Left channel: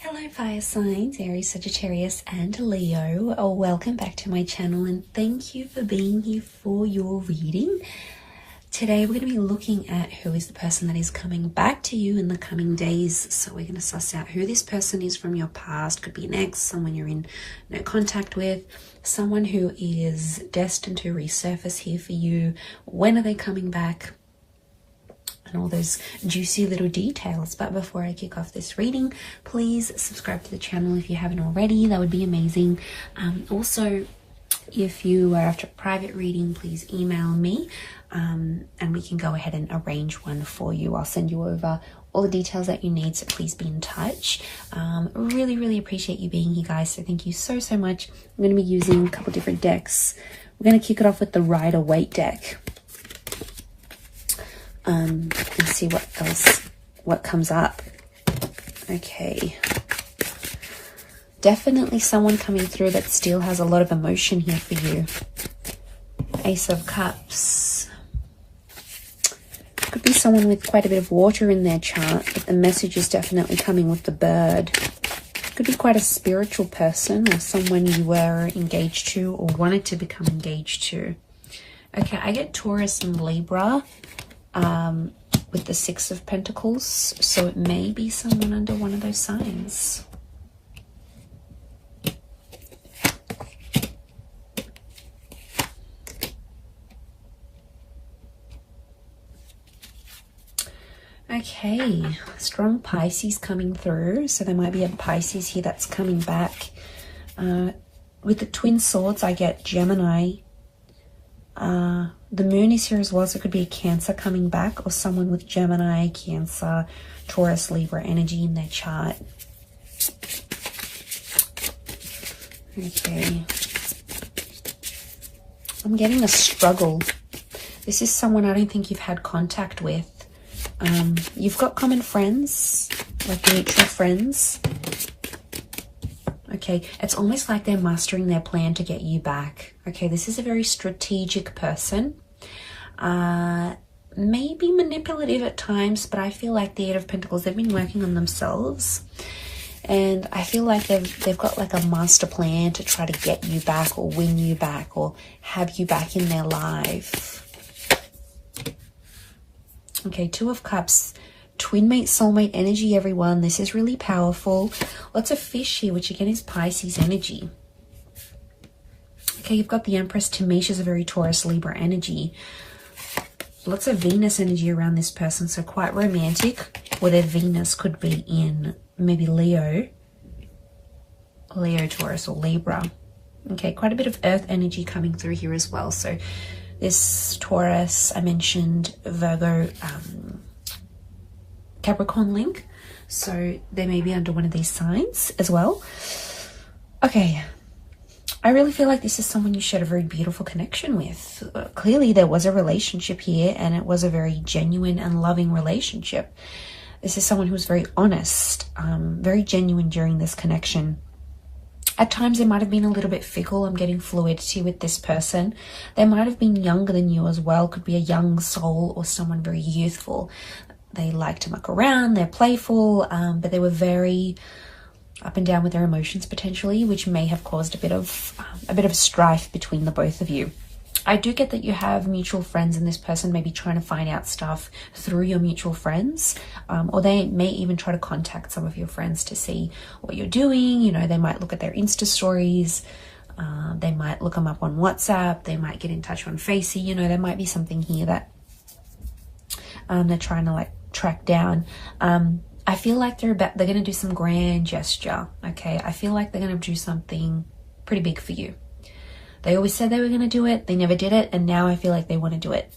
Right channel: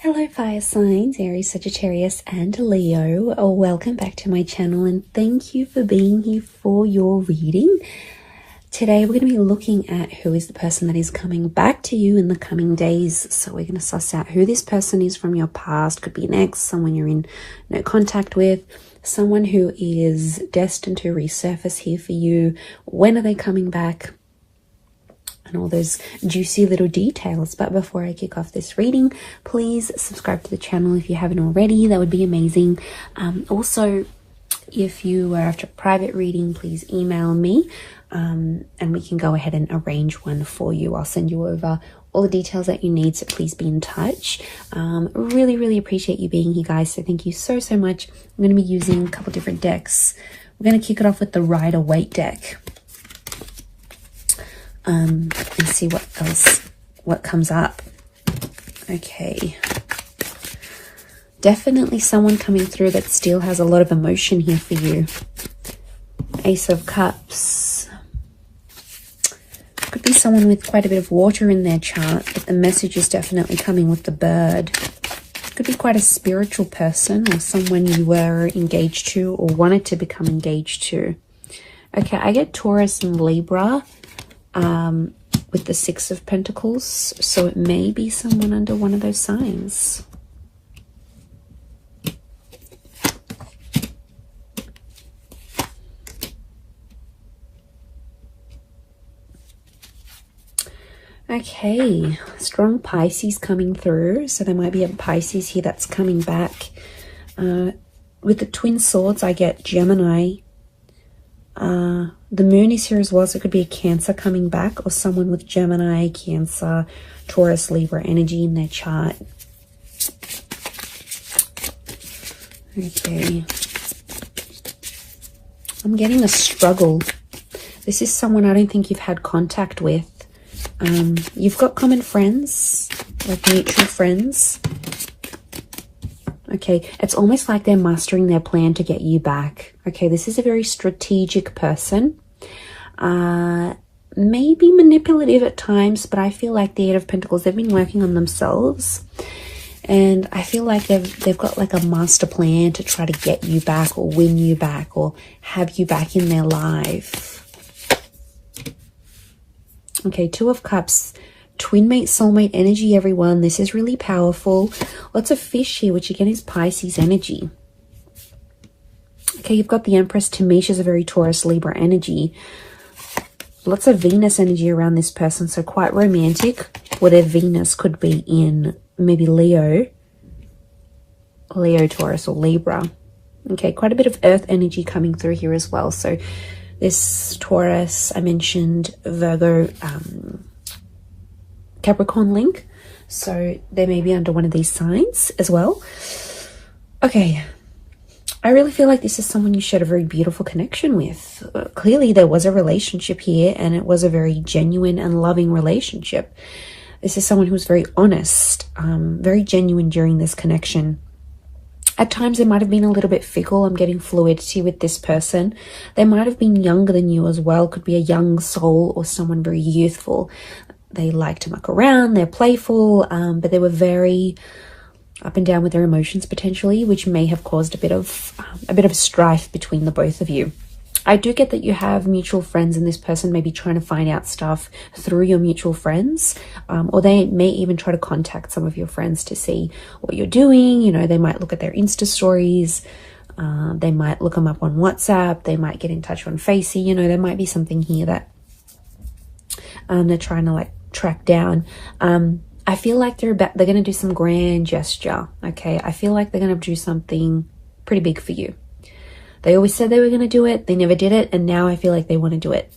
Hello fire signs, Aries, Sagittarius and Leo. Welcome back to my channel and thank you for being here for your reading. Today we're going to be looking at who is the person that is coming back to you in the coming days. So we're going to suss out who this person is from your past, could be an ex, someone you're in no contact with, someone who is destined to resurface here for you. When are they coming back? And all those juicy little details. But before I kick off this reading, please subscribe to the channel if you haven't already. That would be amazing. Also, if you are after a private reading, please email me and we can go ahead and arrange one for you. I'll send you over all the details that you need, so please be in touch. Really appreciate you being here, guys, so thank you so much. I'm going to be using a couple different decks. We're going to kick it off with the Rider-Waite deck. And see what comes up. Okay. Definitely someone coming through that still has a lot of emotion here for you. Ace of Cups. Could be someone with quite a bit of water in their chart, but the message is definitely coming with the bird. Could be quite a spiritual person or someone you were engaged to or wanted to become engaged to. Okay, I get Taurus and Libra. With the Six of Pentacles, so it may be someone under one of those signs. Okay, strong Pisces coming through, so there might be a Pisces here that's coming back. With the Twin Swords, I get Gemini. The moon is here as well, so it could be a Cancer coming back or someone with Gemini, Cancer, Taurus, Libra energy in their chart. Okay. I'm getting a struggle. This is someone I don't think you've had contact with. You've got common friends, like mutual friends. Okay, it's almost like they're mastering their plan to get you back. Okay, this is a very strategic person. Maybe manipulative at times, but I feel like the Eight of Pentacles, they've been working on themselves. And I feel like they've got like a master plan to try to get you back or win you back or have you back in their life. Okay, Two of Cups. Twin mate, soulmate energy, everyone. This is really powerful. Lots of fish here, which again is Pisces energy. Okay, you've got the Empress. To me, she's a very Taurus, Libra energy. Lots of Venus energy around this person, so quite romantic. Or their Venus could be in maybe Leo, Taurus, or Libra. Okay, quite a bit of Earth energy coming through here as well. So this Taurus, I mentioned Virgo, Capricorn link, so they may be under one of these signs as well. Okay, I really feel like this is someone you shared a very beautiful connection with. Clearly there was a relationship here and it was a very genuine and loving relationship. This is someone who was very honest, very genuine during this connection. At times they might have been a little bit fickle. I'm getting fluidity with this person. They might have been younger than you as well. Could be a young soul or someone very youthful. They like to muck around, they're playful, but they were very up and down with their emotions potentially, which may have caused a bit of strife between the both of you. I do get that you have mutual friends and this person may be trying to find out stuff through your mutual friends, or they may even try to contact some of your friends to see what you're doing. You know, they might look at their Insta stories, they might look them up on WhatsApp, they might get in touch on Facey. You know, there might be something here that they're trying to like track down. I feel like they're going to do some grand gesture. Okay, I feel like they're going to do something pretty big for you. They always said they were going to do it, they never did it, and now I feel like they want to do it.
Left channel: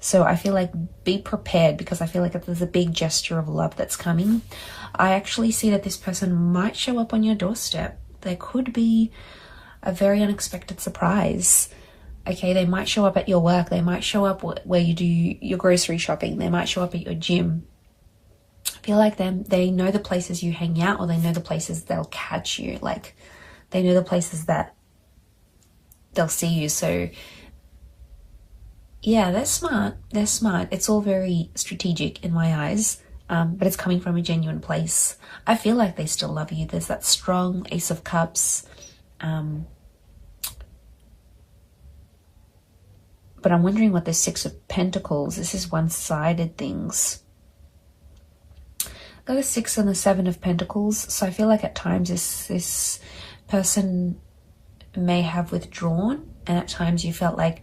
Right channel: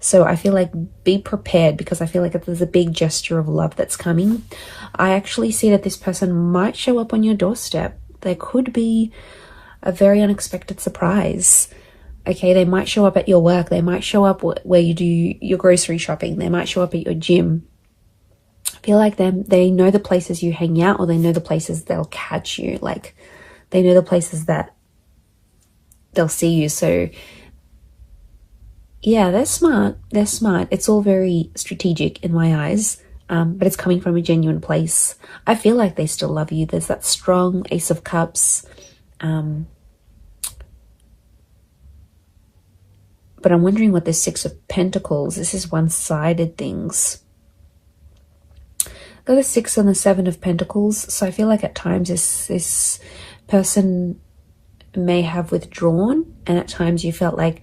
So I feel like be prepared, because I feel like if there's a big gesture of love that's coming, I actually see that this person might show up on your doorstep. There could be a very unexpected surprise. Okay, they might show up at your work. They might show up where you do your grocery shopping. They might show up at your gym. I feel like they know the places you hang out, or they know the places they'll catch you. Like, they know the places that they'll see you. So, yeah, they're smart. They're smart. It's all very strategic in my eyes. but it's coming from a genuine place. I feel like they still love you. There's that strong Ace of Cups. But I'm wondering what this Six of Pentacles, this is one-sided things. Got a 6 and the 7 of Pentacles. So I feel like at times this person may have withdrawn, and at times you felt like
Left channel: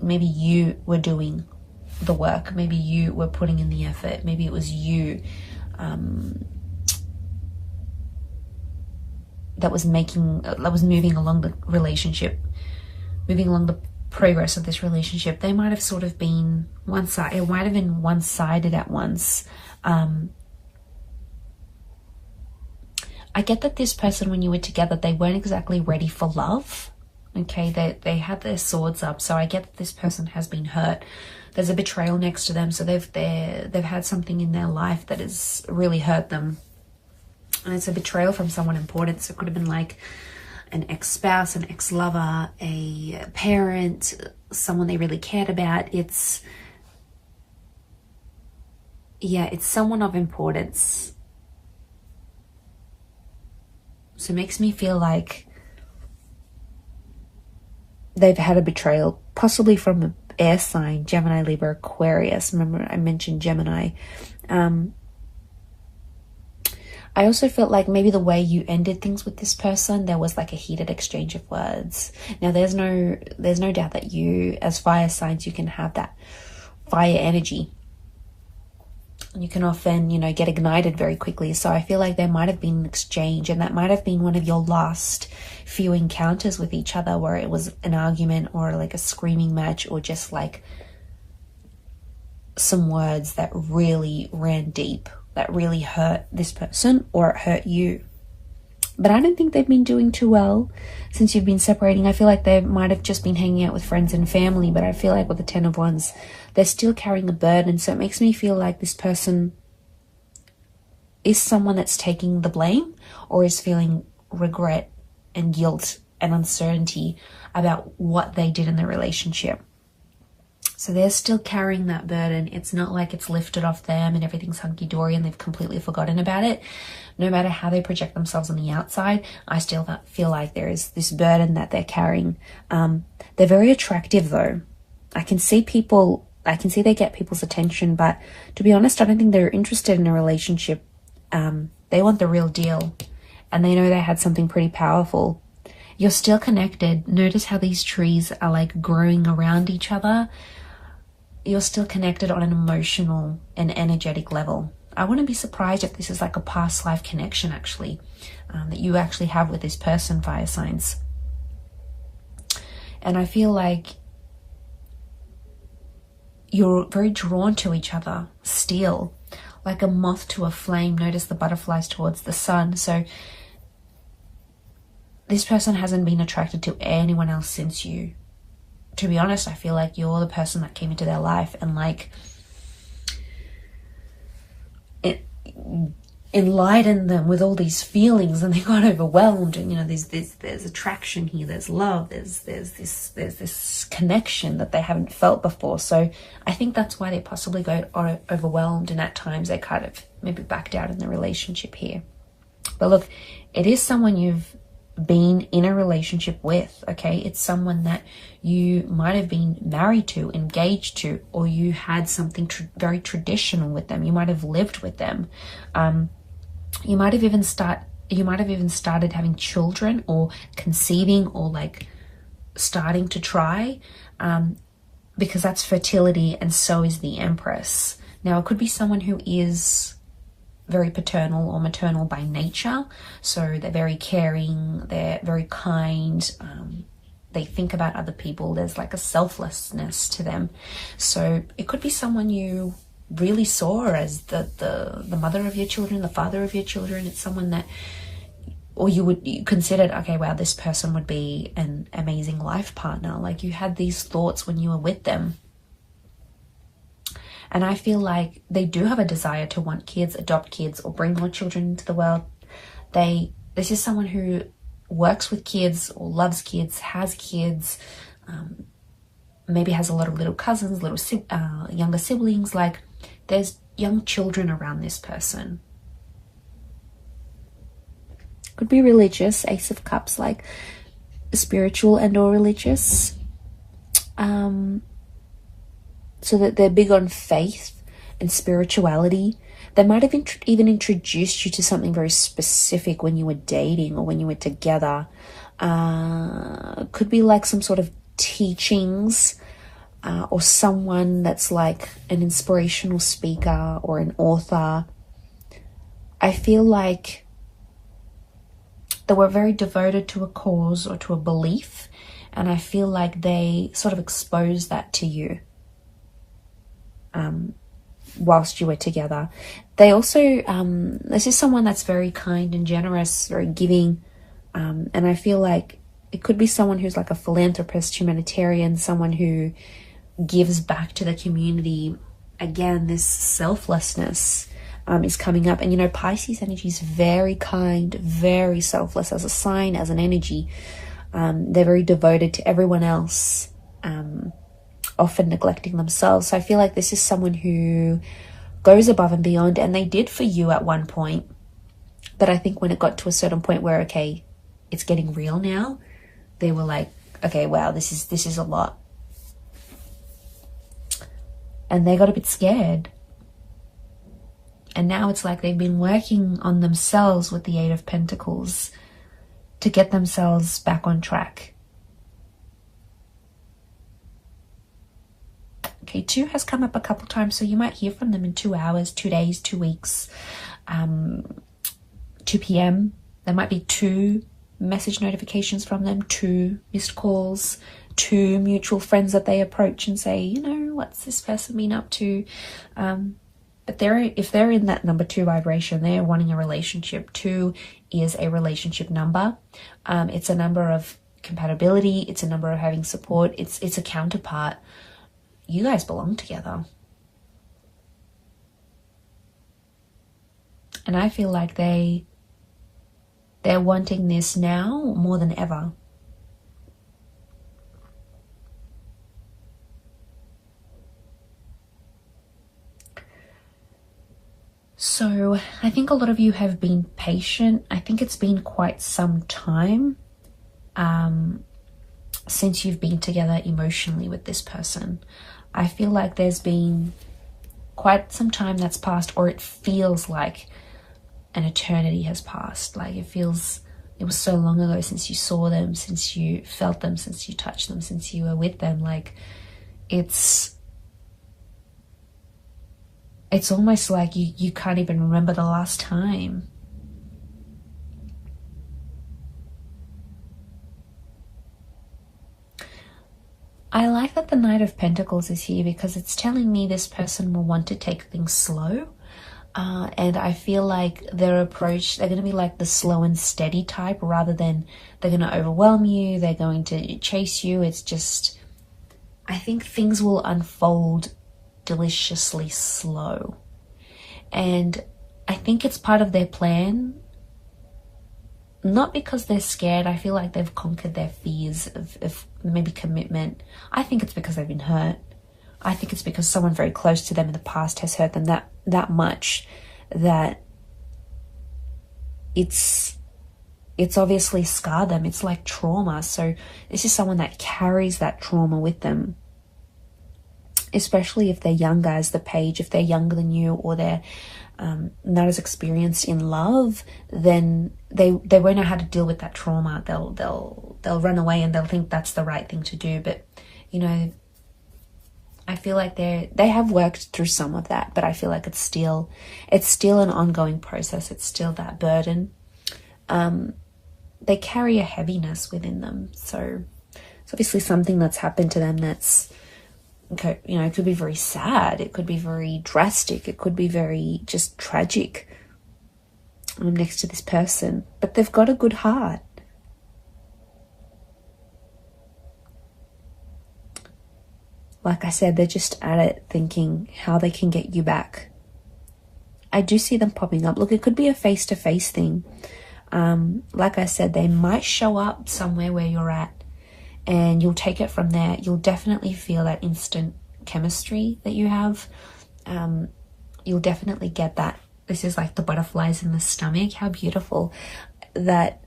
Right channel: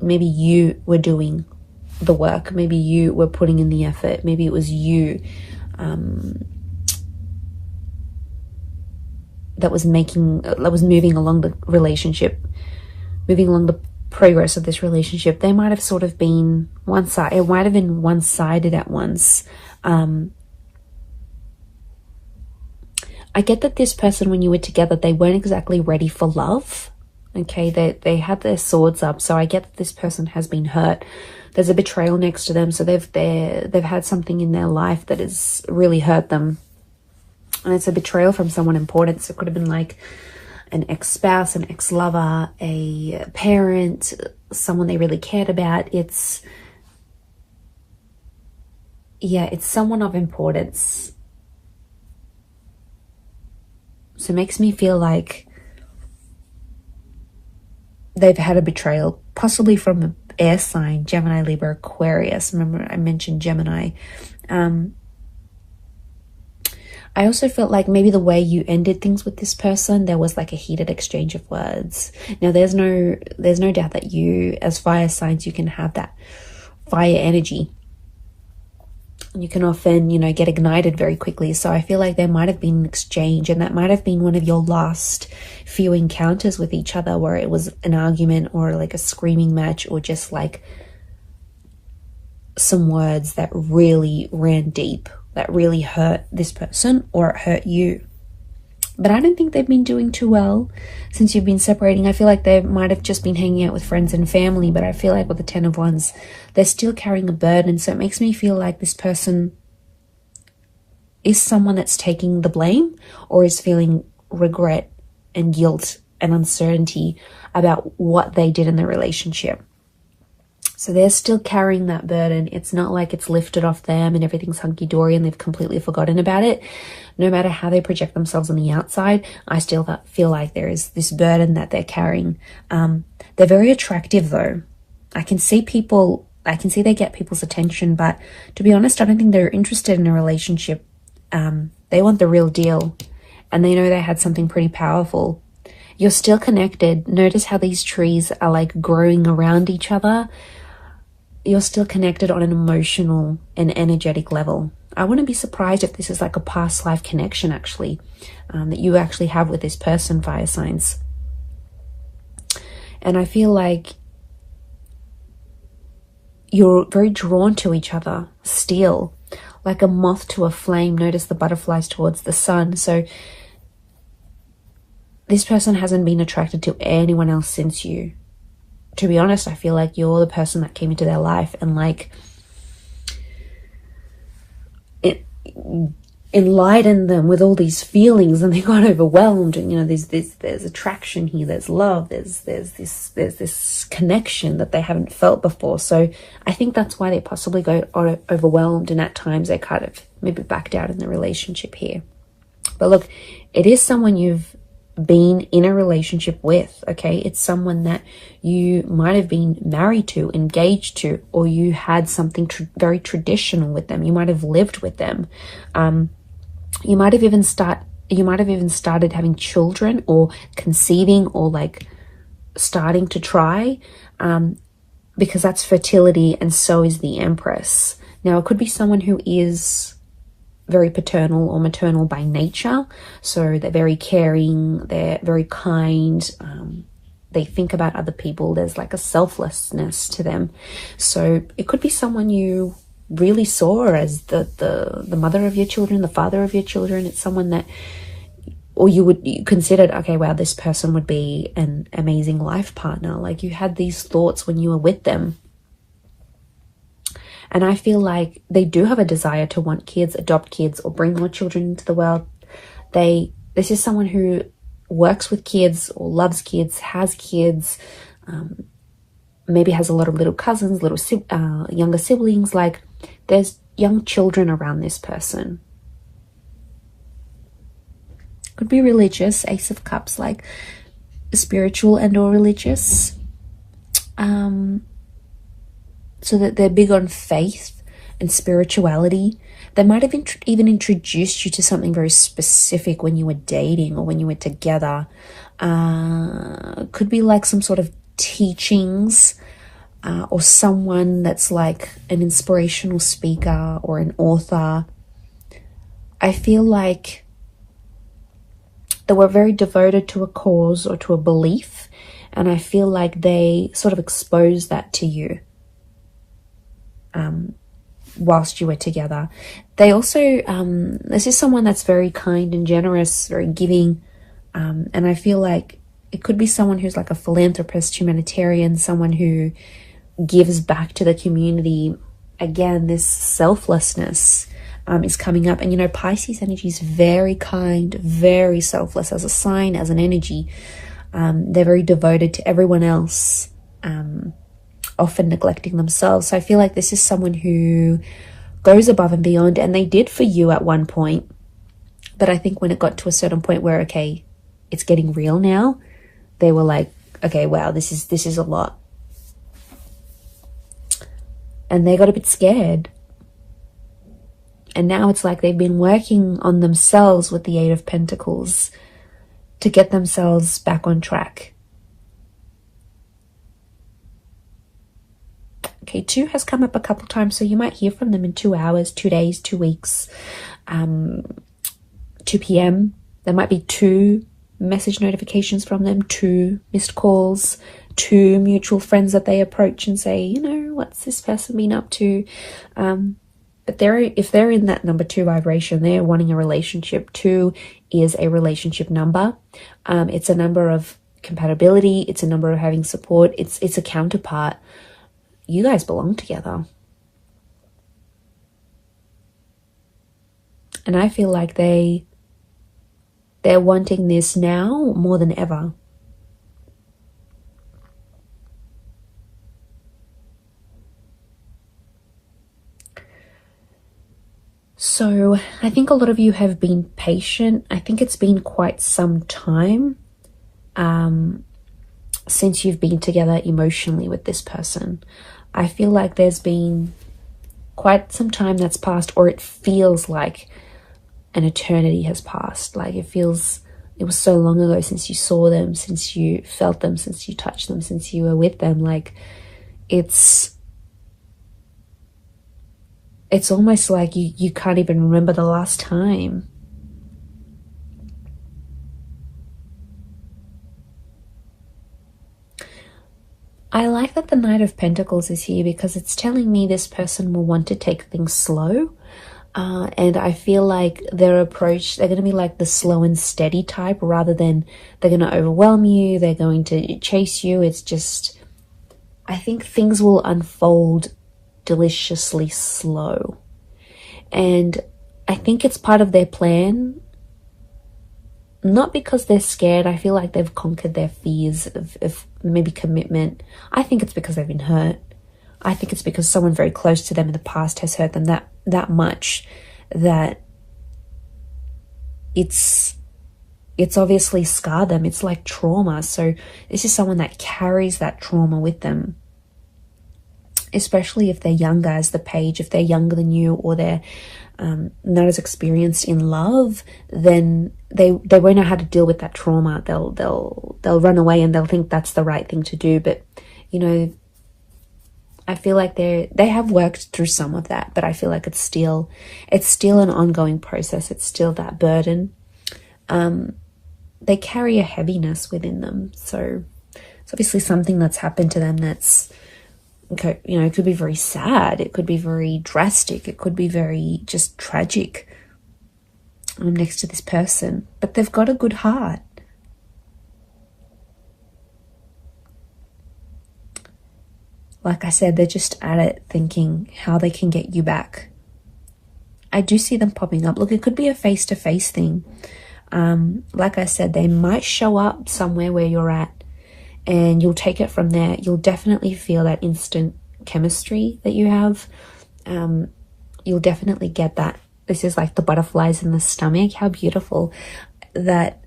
maybe you were doing the work. Maybe you were putting in the effort. Maybe it was you that was moving along the relationship, moving along the progress of this relationship. They might have sort of been one-sided. It might have been one-sided at once. I get that this person, when you were together, they weren't exactly ready for love. Okay, they had their swords up, so I get that this person has been hurt. There's a betrayal next to them, so they've had something in their life that has really hurt them, and it's a betrayal from someone important. So it could have been like an ex-spouse, an ex-lover, a parent, someone they really cared about. It's someone of importance. So it makes me feel like they've had a betrayal, possibly from an air sign, Gemini, Libra, Aquarius. Remember I mentioned Gemini. I also felt like maybe the way you ended things with this person, there was like a heated exchange of words. Now there's no doubt that you, as fire signs, you can have that fire energy. You can often, get ignited very quickly. So I feel like there might have been an exchange, and that might have been one of your last few encounters with each other, where it was an argument or like a screaming match, or just like some words that really ran deep, that really hurt this person, or it hurt you. But I don't think they've been doing too well since you've been separating. I feel like they might have just been hanging out with friends and family, but I feel like with the 10 of Wands, they're still carrying a burden. So it makes me feel like this person is someone that's taking the blame, or is feeling regret and guilt and uncertainty about what they did in the relationship. So they're still carrying that burden. It's not like it's lifted off them and everything's hunky-dory and they've completely forgotten about it. No matter how they project themselves on the outside, I still feel like there is this burden that they're carrying. They're very attractive though. I can see they get people's attention, but to be honest, I don't think they're interested in a relationship. They want the real deal, and they know they had something pretty powerful. You're still connected. Notice how these trees are like growing around each other. You're still connected on an emotional and energetic level. I wouldn't be surprised if this is like a past life connection actually, that you actually have with this person, fire signs. And I feel like you're very drawn to each other still, like a moth to a flame. Notice the butterflies towards the sun. So this person hasn't been attracted to anyone else since you. To be honest, I feel like you're the person that came into their life and like it enlightened them with all these feelings, and they got overwhelmed. And there's attraction here, there's love, there's this connection that they haven't felt before. So I think that's why they possibly got overwhelmed, and at times they kind of maybe backed out in the relationship here. But look, it is someone you've been in a relationship with. Okay, it's someone that you might have been married to, engaged to, or you had something very traditional with them. You might have lived with them. You might have even started having children, or conceiving, or like starting to try, because that's fertility, and so is the Empress. Now it could be someone who is very paternal or maternal by nature. So they're very caring, they're very kind, they think about other people. There's like a selflessness to them. So it could be someone you really saw as the mother of your children, the father of your children. It's someone that, or you considered, okay, wow, this person would be an amazing life partner. Like you had these thoughts when you were with them. And I feel like they do have a desire to want kids, adopt kids, or bring more children into the world. This is someone who works with kids, or loves kids, has kids, maybe has a lot of little cousins, younger siblings. Like there's young children around this person. Could be religious, Ace of Cups, like spiritual and or religious. So that they're big on faith and spirituality. They might have even introduced you to something very specific when you were dating or when you were together. Could be like some sort of teachings, or someone that's like an inspirational speaker or an author. I feel like they were very devoted to a cause or to a belief, and I feel like they sort of exposed that to you whilst you were together. They also, this is someone that's very kind and generous, very giving, and I feel like it could be someone who's like a philanthropist, humanitarian, someone who gives back to the community. Again, this selflessness is coming up. And, you know, Pisces energy is very kind, very selfless as a sign, as an energy. They're very devoted to everyone else, often neglecting themselves. So I feel like this is someone who goes above and beyond, and they did for you at one point. But I think when it got to a certain point where, okay, it's getting real now, they were like, okay, wow, this is a lot. And they got a bit scared. And now it's like they've been working on themselves with the Eight of Pentacles to get themselves back on track. Okay, 2 has come up a couple times, so you might hear from them in 2 hours, 2 days, 2 weeks, 2 p.m. There might be 2 message notifications from them, 2 missed calls, 2 mutual friends that they approach and say, you know, what's this person been up to? But if they're in that number 2 vibration, they're wanting a relationship. 2 is a relationship number. It's a number of compatibility. It's a number of having support. It's a counterpart. You guys belong together. And I feel like they're wanting this now more than ever. So I think a lot of you have been patient. I think it's been quite some time since you've been together emotionally with this person. I feel like there's been quite some time that's passed, or it feels like an eternity has passed. Like it was so long ago since you saw them, since you felt them, since you touched them, since you were with them. Like it's almost like you can't even remember the last time. I like that the Knight of Pentacles is here because it's telling me this person will want to take things slow. And I feel like their approach, they're going to be like the slow and steady type rather than they're going to overwhelm you, they're going to chase you. It's just, I think things will unfold deliciously slow. And I think it's part of their plan, not because they're scared. I feel like they've conquered their fears of maybe commitment. I think it's because they've been hurt. I think it's because someone very close to them in the past has hurt them that much that it's obviously scarred them. It's like trauma. So this is someone that carries that trauma with them, especially if they're younger as the Page. If they're younger than you, or they're not as experienced in love, then they won't know how to deal with that trauma. They'll run away and they'll think that's the right thing to do. But you know, I feel like they have worked through some of that, but I feel like it's still an ongoing process. It's still that burden. They carry a heaviness within them. So it's obviously something that's happened to them that's, okay, you know, it could be very sad. It could be very drastic. It could be very just tragic next to this person. But they've got a good heart. Like I said, they're just at it thinking how they can get you back. I do see them popping up. Look, it could be a face-to-face thing. Like I said, they might show up somewhere where you're at and you'll take it from there. You'll definitely feel that instant chemistry that you have. you'll definitely get that. This is like the butterflies in the stomach. How beautiful. That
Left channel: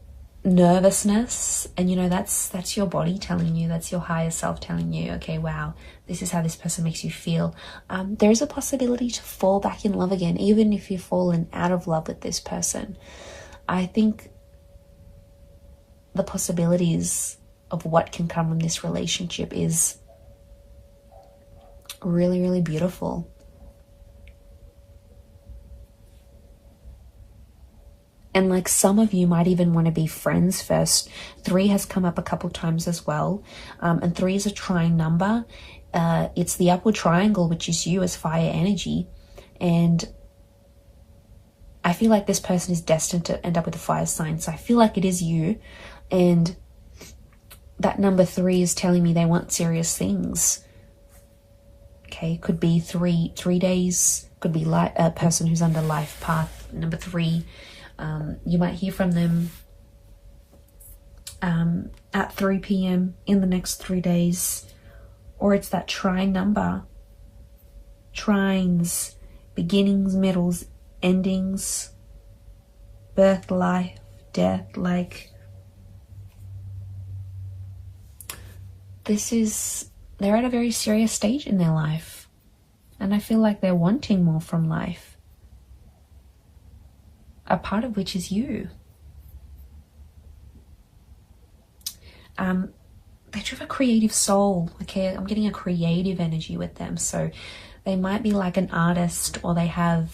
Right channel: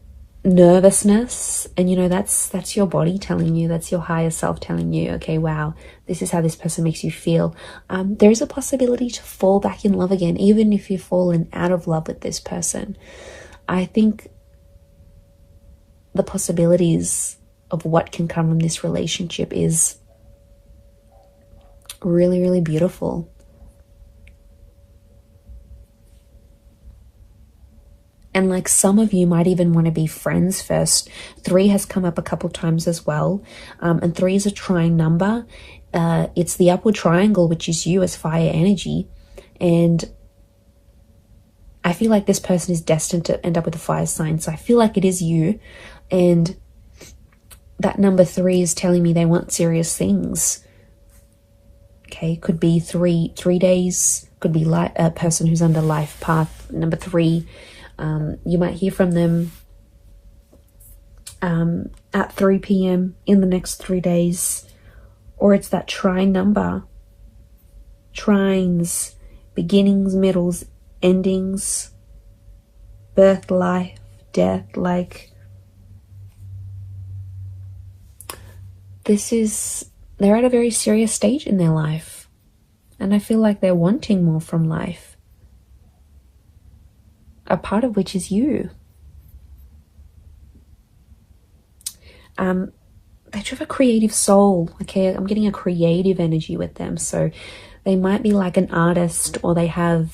nervousness, and you know, that's your body telling you, that's your higher self telling you, okay, wow, this is how this person makes you feel. There is a possibility to fall back in love again, even if you've fallen out of love with this person. I think the possibilities of what can come from this relationship is really, really beautiful. And like some of you might even want to be friends first. 3 has come up a couple times as well. And 3 is a trine number. It's the upward triangle, which is you as fire energy. And I feel like this person is destined to end up with a fire sign. So I feel like it is you. And that number 3 is telling me they want serious things. Okay, could be three days. Could be a person who's under life path. Number 3. You might hear from them at 3 p.m. in the next 3 days, or it's that trine number. Trines, beginnings, middles, endings, birth, life, death. Like, they're at a very serious stage in their life, and I feel like they're wanting more from life. A part of which is you. They have a creative soul. Okay, I'm getting a creative energy with them. So they might be like an artist, or they have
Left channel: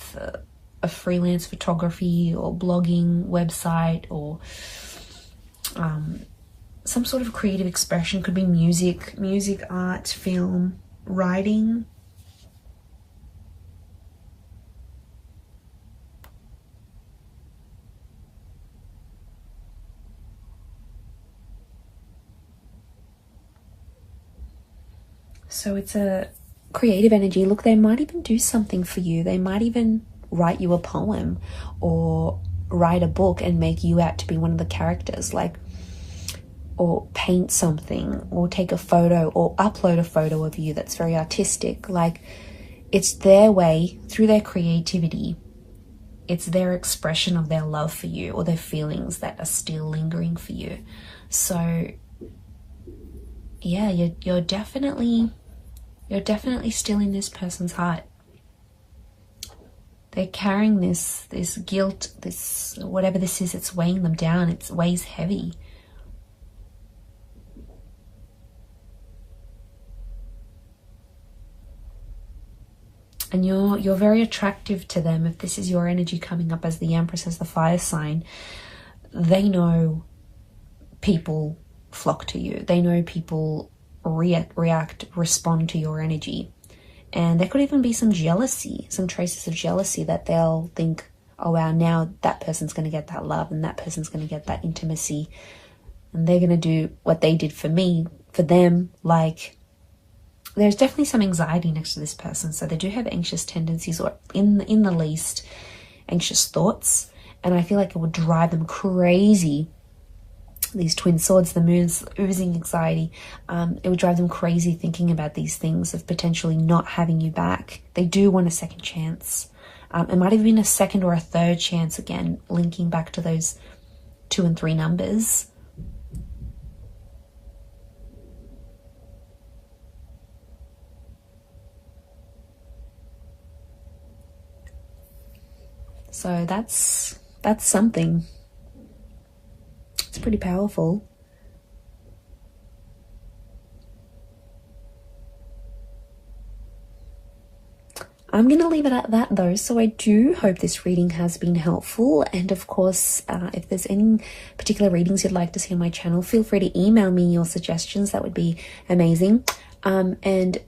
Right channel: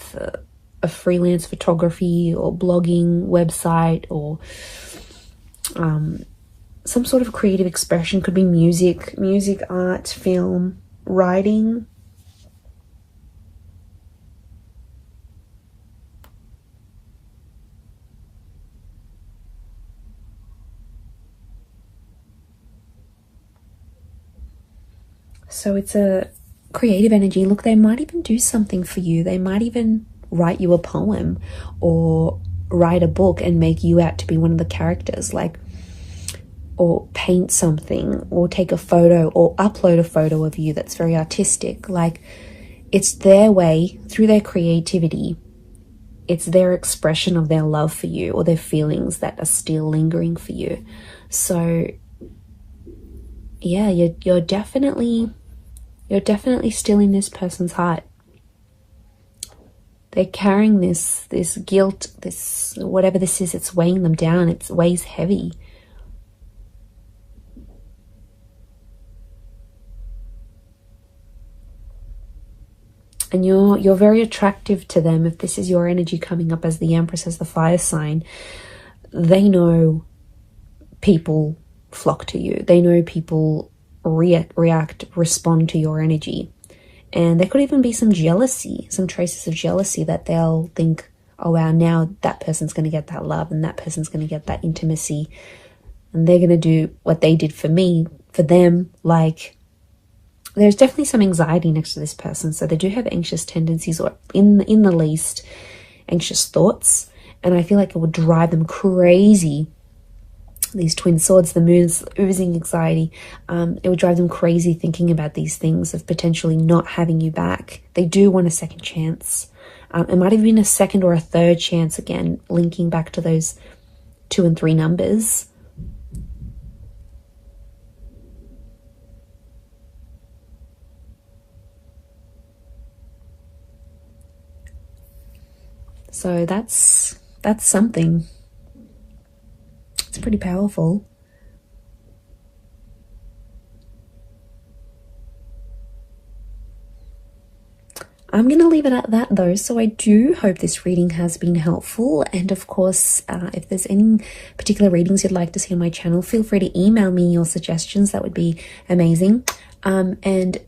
a freelance photography or blogging website, or some sort of creative expression. Could be music, art, film, writing. So it's a creative energy. Look, they might even do something for you. They might even write you a poem or write a book and make you out to be one of the characters, like, or paint something, or take a photo, or upload a photo of you that's very artistic. Like, it's their way, through their creativity, it's their expression of their love for you, or their feelings that are still lingering for you. So yeah, you're definitely still in this person's heart. They're carrying this guilt, this whatever this is, it's weighing them down. It weighs heavy. And you're very attractive to them. If this is your energy coming up as the Empress, as the fire sign, they know people flock to you. They know people react, respond to your energy. And there could even be some jealousy, some traces of jealousy, that they'll think, oh wow, now that person's going to get that love, and that person's going to get that intimacy, and they're going to do what they did for me, for them. Like, there's definitely some anxiety next to this person. So they do have anxious tendencies, or in the least, anxious thoughts. And I feel like it would drive them crazy. These twin swords, the moon's oozing anxiety. It would drive them crazy thinking about these things of potentially not having you back. They do want a second chance. It might have been a second or a third chance, again, linking back to those 2 and 3 numbers. So that's something. It's pretty powerful. I'm going to leave it at that though. So I do hope this reading has been helpful. And of course, if there's any particular readings you'd like to see on my channel, feel free to email me your suggestions. That would be amazing. And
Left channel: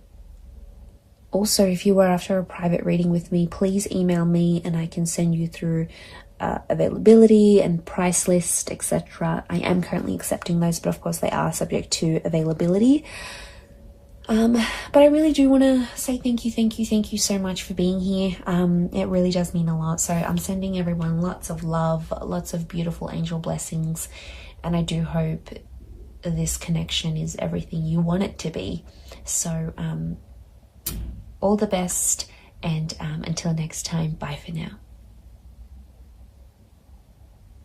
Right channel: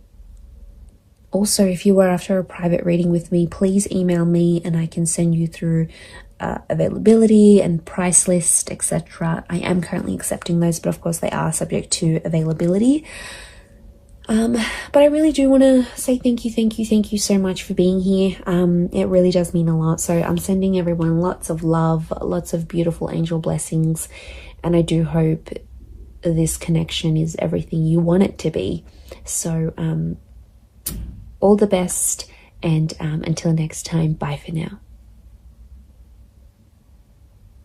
also, if you were after a private reading with me, please email me and I can send you through availability and price list, etc. I am currently accepting those, but of course they are subject to availability. But I really do want to say thank you so much for being here. It really does mean a lot. So I'm sending everyone lots of love, lots of beautiful angel blessings, and I do hope this connection is everything you want it to be. So all the best, And until next time, bye for now.